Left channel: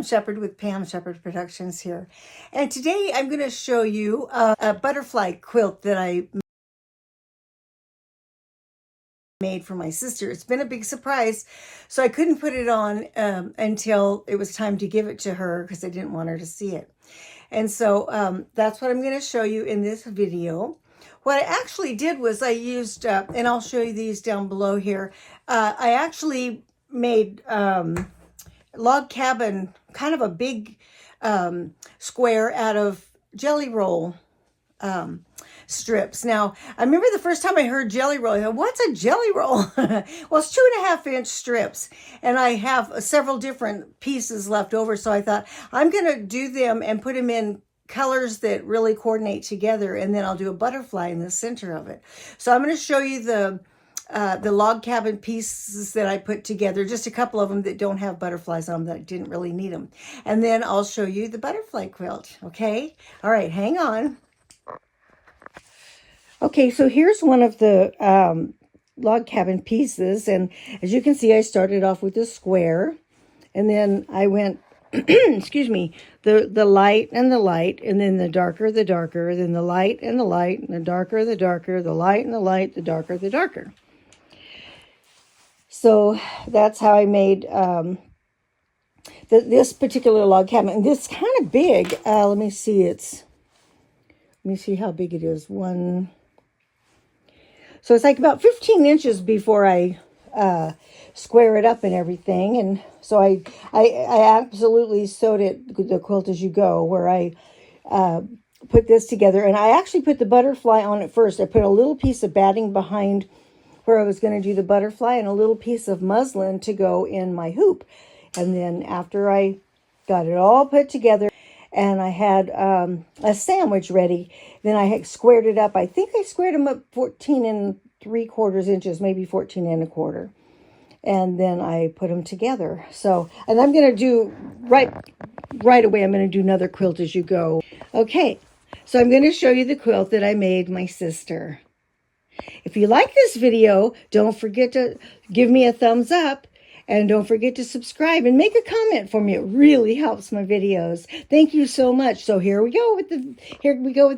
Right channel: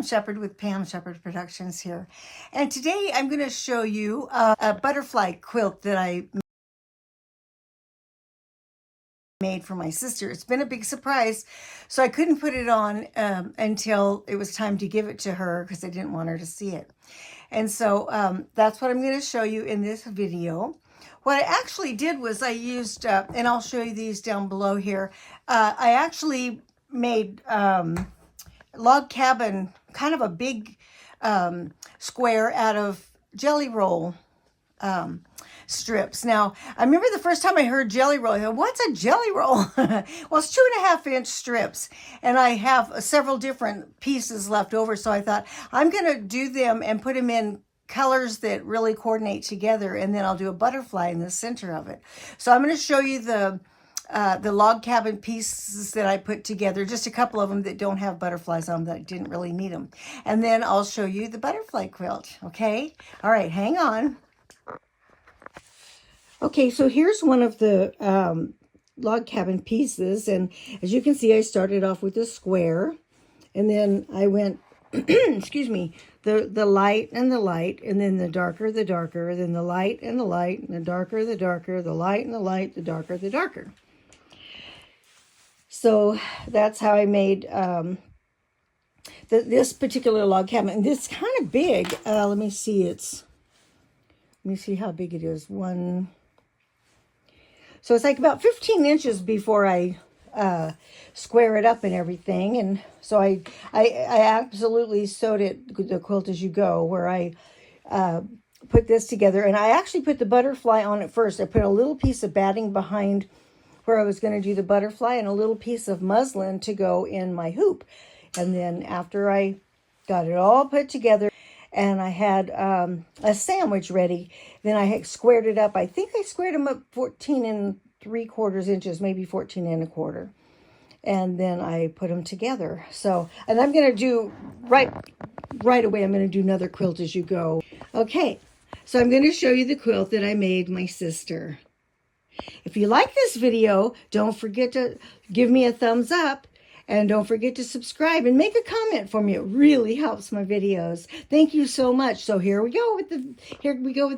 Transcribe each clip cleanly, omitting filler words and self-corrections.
Pam Shepherd with Pam Shepherd Productions here. And today I'm going to show you a butterfly quilt that I made for my sister. It's been a big surprise, so I couldn't put it on until it was time to give it to her because I didn't want her to see it. And so that's what I'm going to show you in this video. What I actually did was I used, and I'll show you these down below here, I actually made log cabin, kind of a big square out of jelly roll strips. Now, I remember the first time I heard jelly roll, I thought, what's a jelly roll? Well, it's 2.5-inch strips, and I have several different pieces left over, so I thought I'm going to do them and put them in colors that really coordinate together, and then I'll do a butterfly in the center of it. So I'm going to show you the log cabin pieces that I put together, just a couple of them that don't have butterflies on them, that I didn't really need them. And then I'll show you the butterfly quilt, okay? All right, hang on. Okay, so here's one of the log cabin pieces, and as you can see, I started off with a square, and then I went, excuse me, the light, and then the darker, then the light, and the darker, the light, and the light, the darker, the darker. So that's how I made this particular log cabin. And this is kind of big. Let me see how big it is. So it's like about 15 inches before I square it up and everything. And so I absolutely sewed it, the Quilt As You Go, where I put this together. And I actually put the butterfly on it first. I put a little piece of batting behind where I was going to do the butterfly, and a little piece of muslin to go in my hoop. And then after I got it all put together and I had a sandwich ready, then I had squared it up. I think I squared them up 14 3/4 inches, maybe 14 1/4. And then I put them together. So, and I'm going to do right away, I'm going to do another Quilt As You Go. Okay, so I'm going to show you the quilt that I made my sister. If you like this video, don't forget to give me a thumbs up, and don't forget to subscribe and make a comment for me. It really helps my videos. Thank you so much. So here we go with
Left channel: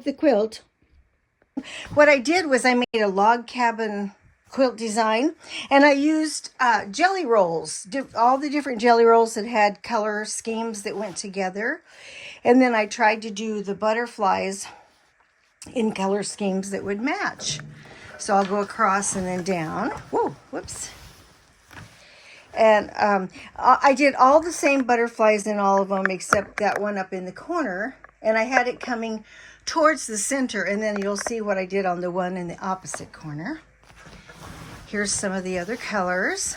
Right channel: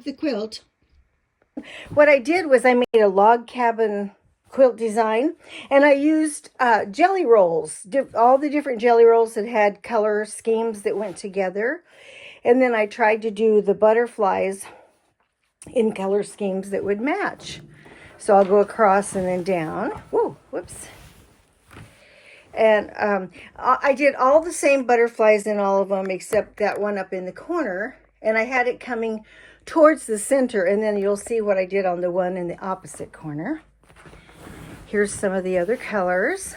the quilt. What I did was I made a log cabin quilt design, and I used jelly rolls, all the different jelly rolls that had color schemes that went together. And then I tried to do the butterflies in color schemes that would match. So I'll go across and then down. Whoa, whoops. And I did all the same butterflies in all of them except that one up in the corner. And I had it coming towards the center. And then you'll see what I did on the one in the opposite corner. Here's some of the other colors.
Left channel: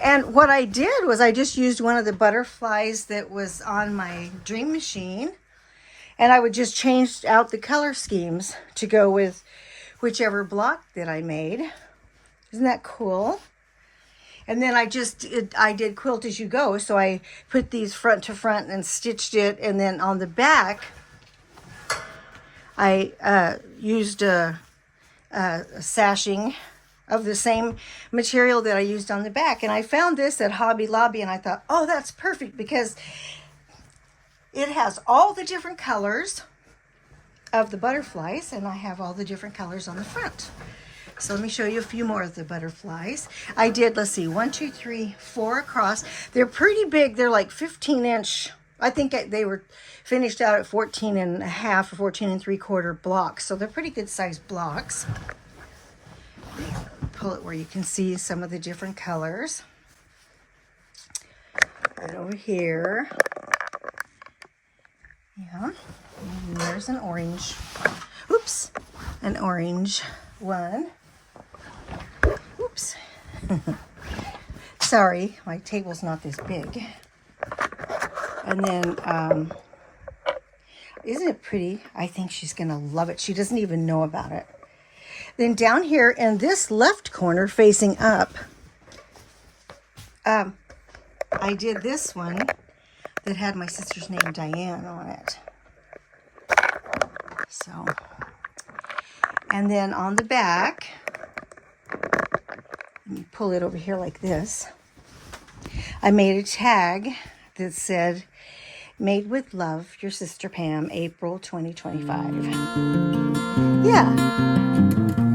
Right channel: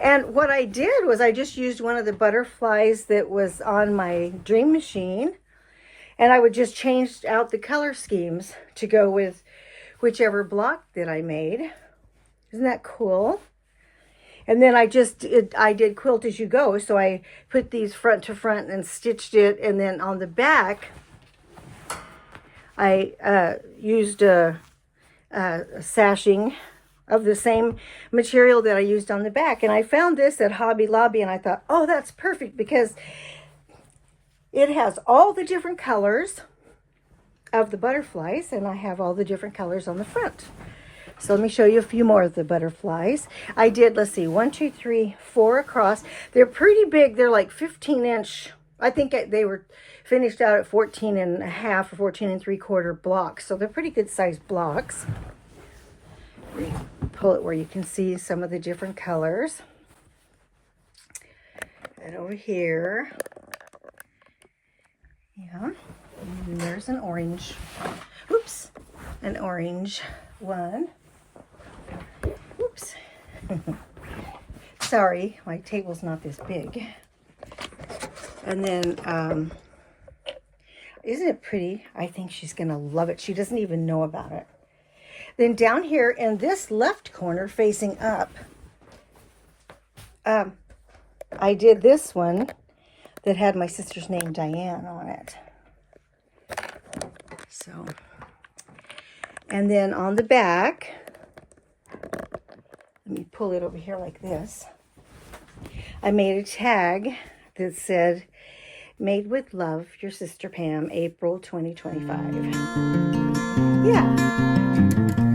And what I did was I just used one of the butterflies that was on my Dream Machine. And I would just change out the color schemes to go with whichever block that I made. Isn't that cool? And then I did Quilt As You Go. So I put these front to front and stitched it. And then on the back, I used a sashing of the same material that I used on the back. And I found this at Hobby Lobby, and I thought, oh, that's perfect, because it has all the different colors of the butterflies, and I have all the different colors on the front. So let me show you a few more of the butterflies. I did, let's see, 1, 2, 3, 4 across. They're pretty big. They're like 15-inch. I think they were finished out at 14 1/2 or 14 3/4 blocks. So they're pretty good sized blocks. Pull it where you can see some of the different colors. Right over here. Yeah, and there's an orange. Oops, an orange one. Oops. Sorry, my table's not this big. And then, isn't it pretty? I think she's going to love it. She doesn't even know about it. Then down here in this left corner facing up, I did this one that had my sister's name, Diane, on it. So, and then on the back, let me pull it over here like this. I made a tag that said, "Made with love, your sister Pam, April 2025." Yeah.